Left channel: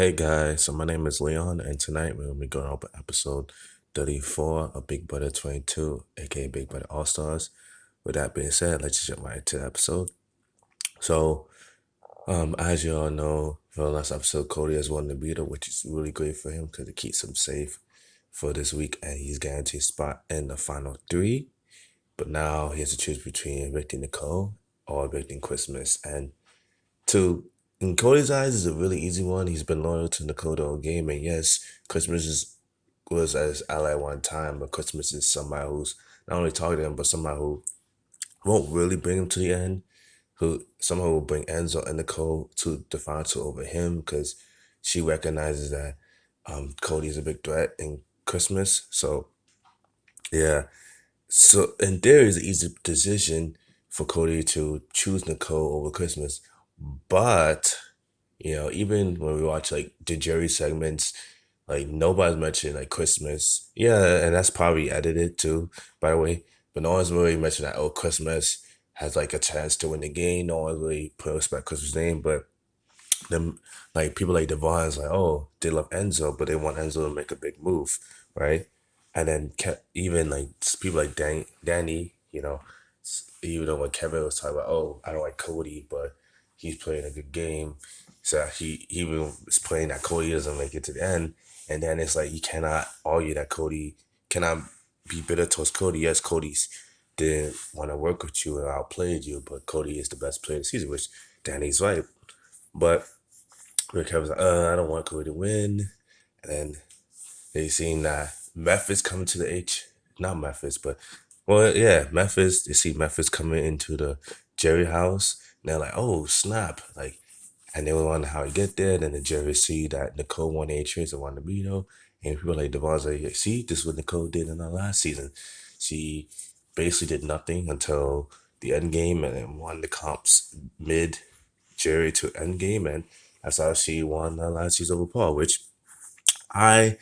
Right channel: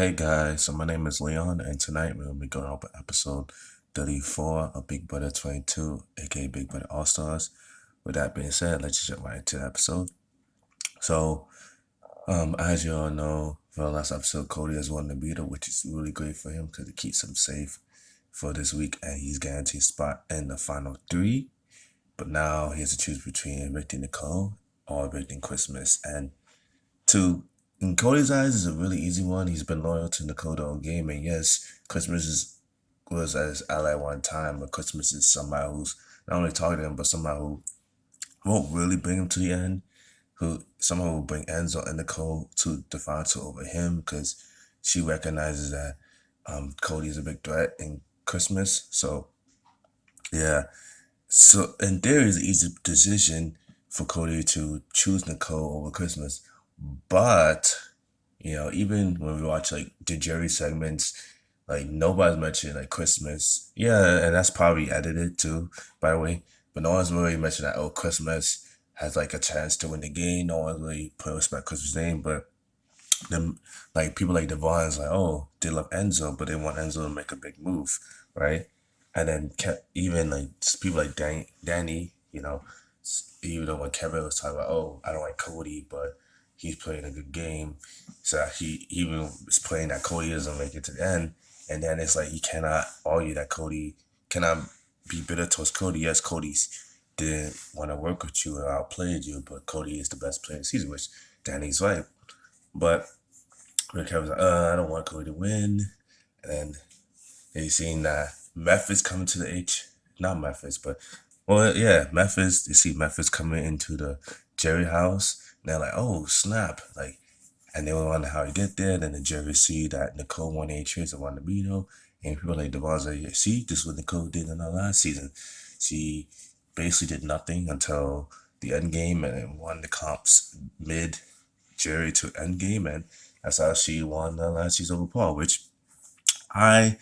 Hey guys, so my name is Leon, and tonight we're gonna be going over episode 34 of Big Brother 22, aka Big Brother All Stars. With that being said, let's just jump right into the episode. So, as you all know, for the last episode, Cody has won the beater, which is really great for him because it keeps him safe for this week, and he's guaranteed a spot in the final three. But now he has to choose between evicting Nicole or evicting Christmas, and to in Cody's eyes is a really easy one. He's been loyal to Nicole the whole game, and yes, was as ally one time, but Christmas is somebody who's not only talking to him, but somebody who won't really bring him to the end. Who somehow will bring Enzo and Nicole to the final two over him because she recognizes that Cody is a big threat in Christmas. So yeah, so in theory, it's an easy decision for Cody to choose Nicole over Christmas, but even when we watch like the Jerry segments, like nobody's mentioned like Christmas. Yeah, and that's probably edited too, by the way. But no one's really mentioned that Christmas has like a chance to win the game. No one's really put respect Christmas name, but them like people like Devon's like, oh, they love Enzo, but they want Enzo to make a big move, right? And then even like people like Danny, even though when Kevin was talking about, oh, I don't like Cody, but he's playing a good game, so he even was playing that Cody doesn't make it to the end, and then it's like you cannot argue that Cody cannot be bitter towards Cody. Yes, Cody's did want to work with you and outplayed you, but Cody is the best player of the season, which Danny's right. But Rick Kevin's like, I don't want Cody to win. And then they seen that Memphis coming to the not Memphis, but, well, yeah, Memphis, they see Memphis coming into the Jerry house. And they're like, oh, snap. Like, and they wonder how he get there. Then the Jerry see that Nicole won a trace and won the veto. And people like Devon's like, yeah, see, this is what Nicole did in our last season. She basically did nothing until the end game and then won the comps mid Jerry to end game. And that's how she won the last season over Paul, which I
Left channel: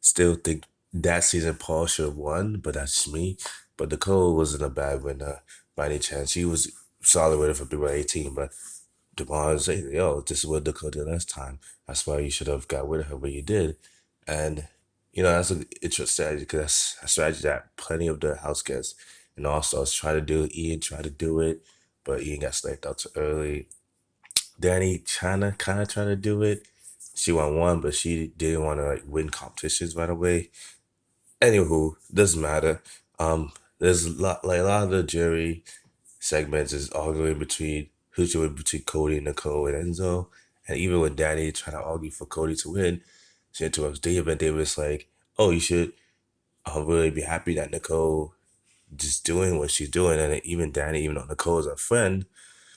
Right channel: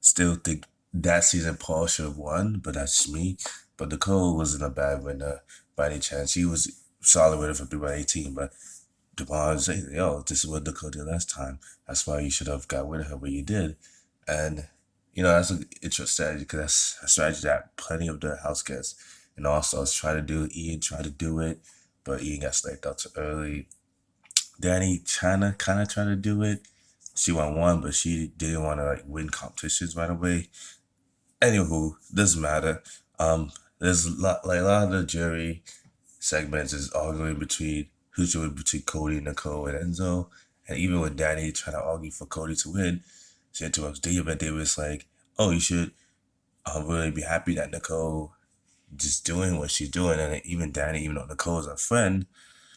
still think that season Paul should have won, but that's just me. But Nicole wasn't a bad winner by any chance. She was solid winner for people 18, but DeMar said, yo, this is what Nicole did last time. That's why you should have got rid of her, but you did. And, that's an interesting strategy because that's a strategy that plenty of the house guests and also try to do. Ian tried to do it, but Ian got sniped out too early. Danny China kind of tried to do it. She won one, but she didn't want to like win competitions right away. Anywho, doesn't matter. There's a lot of the jury segments is arguing between who should win between Cody, Nicole, and Enzo. And even when Danny tried to argue for Cody to win, she interrupts Dave, and Dave was like, "Oh, you should really be happy that Nicole just doing what she's doing." And even Danny, even though Nicole is a friend,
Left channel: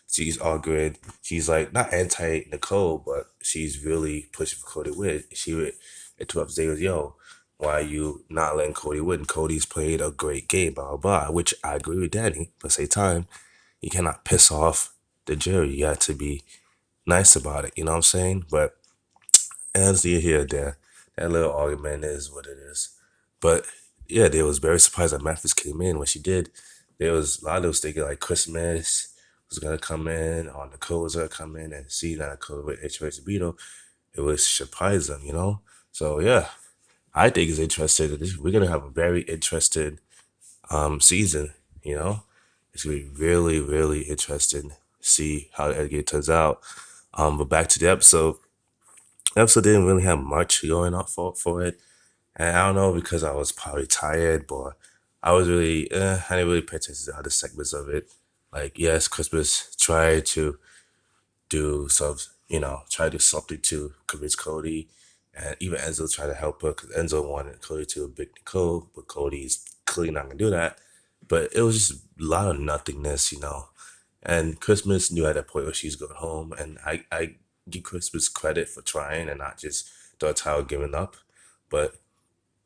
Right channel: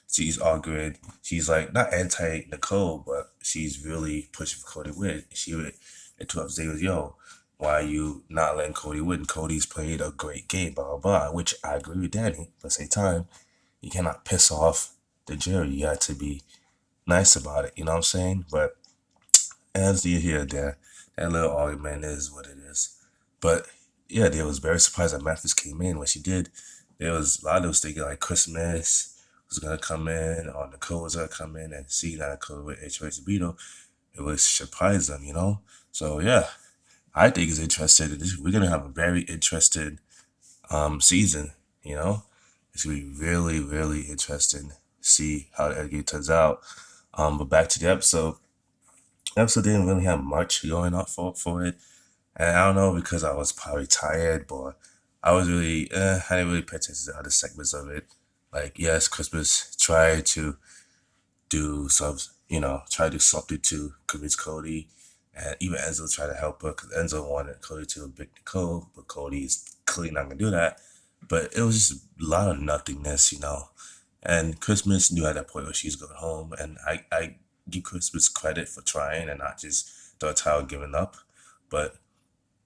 she's arguing. She's like not anti Nicole, but she's really pushing for Cody to win. She would interrupt David, yo, why are you not letting Cody win? Cody's played a great game, blah blah blah. Which I agree with Danny, but same time, you cannot piss off the jury. You have to be nice about it. You know what I'm saying? But as you hear there, that little argument is what it is. But yeah, they was very surprised that Memphis came in when she did. There was a lot of those thinking like Christmas was gonna come in or Nicole was gonna come in and see that Nicole with HOH Sabino. It was surprise them. So yeah, I think it's interesting. We're gonna have a very interesting season, you know? It's gonna be really, really interesting to see how the game turns out. But back to the episode. The episode didn't really have much going on for it. And I don't know because I was probably tired, but I was really, I didn't really pay attention to other segments of it. Like, yes, Christmas tried to do some, try to do something to convince Cody. And even Enzo tried to help her because Enzo wanted Cody to evict Nicole, but Cody's clearly not going to do that. But it was just a lot of nothingness. And Christmas knew at that point where she's going home. And I give Christmas credit for trying and not just the entire giving up. But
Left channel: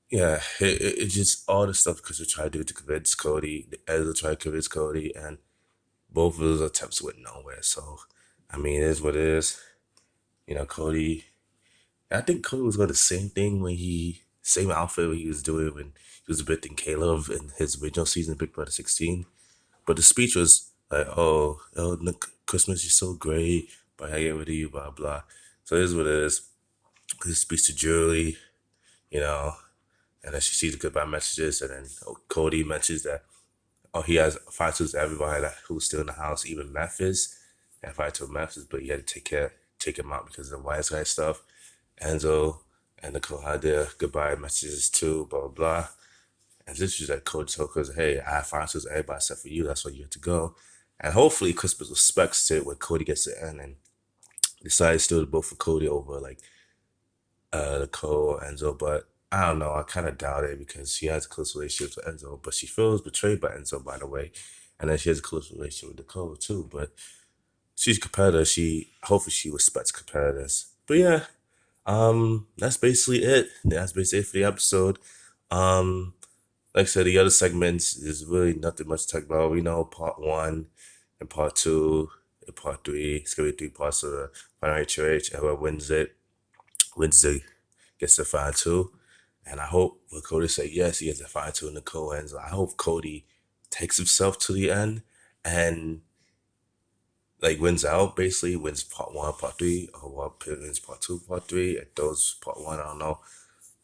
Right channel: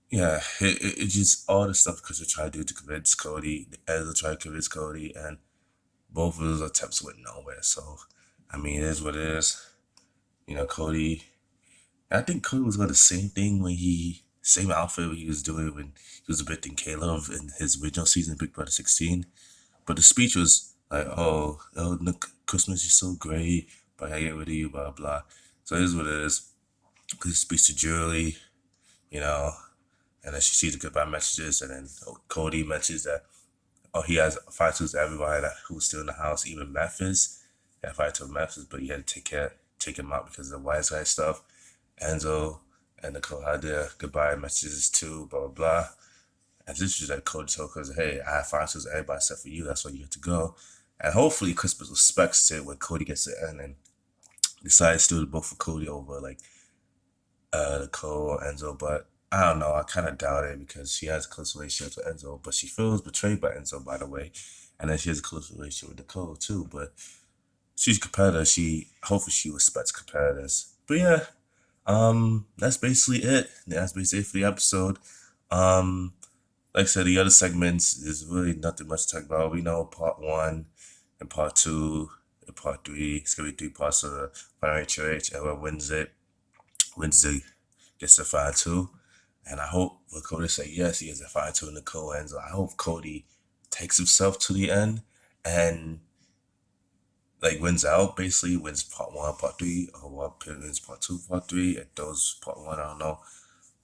yeah, it's just all the stuff Chris tried to do to convince Cody, Ezra tried to convince Cody, and both of those attempts went nowhere. So, I mean, it is what it is. Cody, I think Cody was going the same thing same outfit what he was doing when he was evicting Caleb in his original season, Big Brother 16. But the speech was like, oh, look, Christmas is so great, but I get rid of you, blah, blah. So it is what it is. He speaks to Julie, you know, and then she sees the goodbye messages, and then Cody mentions that he has fight to everybody who's still in the house, even Memphis. He had fight to Memphis, but he had to take him out because of the wise guy stuff. Enzo and Nicole had their goodbye messages too, blah blah blah. And this is like Cody told us, hey, I have fight to everybody except for you. That's why you have to go. And hopefully Crispus respects it when Cody gets to the end and decides still to vote for Cody over like Nicole or Enzo, but I don't know. I kind of doubt it because she has a close relationship with Enzo, but she feels betrayed by Enzo, by the way. And then she has a close relationship with Nicole too. But she's a competitor. Hopefully she respects competitors. But yeah, that's basically it. That's basically it for the episode. Um, like I said, the other segments is really nothing much to talk about. We know part one and part two and part three. It's gonna be 3 parts of the Final HOH, and whoever wins gets the 5-2. And I hope when Cody said yes, he gets a 5-2 in the co-ends. I hope Cody takes himself to the end and like wins out, basically wins part one, part three, or wins part two, part three, and those part one, I don't know.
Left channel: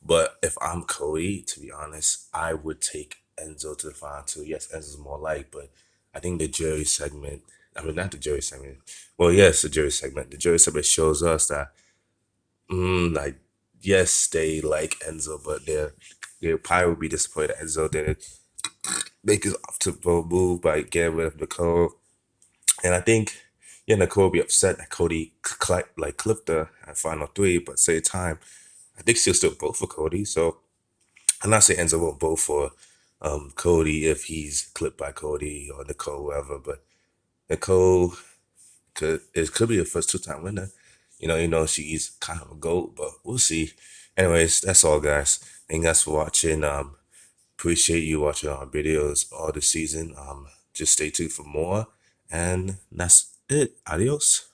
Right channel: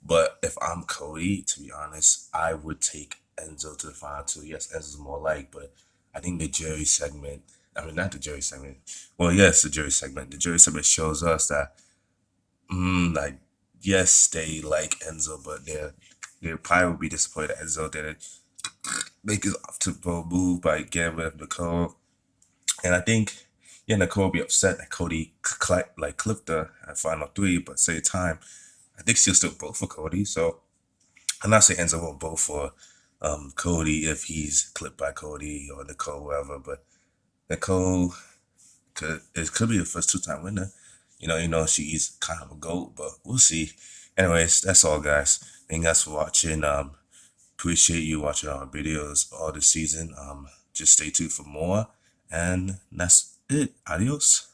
But if I'm Cody, to be honest, I would take Enzo to the final two. Yes, Enzo's more like, but I think the jury segment, I mean, not the jury segment. Well, yes, the jury segment. The jury segment shows us that like, yes, they like Enzo, but they probably would be disappointed that Enzo didn't make his off to move by getting rid of Nicole. And I think, yeah, Nicole would be upset that Cody clipped her at final three, but at the same time, I think she'll still vote for Cody. So I'm not saying Enzo won't vote for Cody if he's clipped by Cody or Nicole, whoever, but Nicole could be the first 2-time winner. She's kind of a GOAT, but we'll see. Anyways, that's all, guys. Thank you guys for watching. Appreciate you watching our videos all this season. Just stay tuned for more. And that's it. Adios.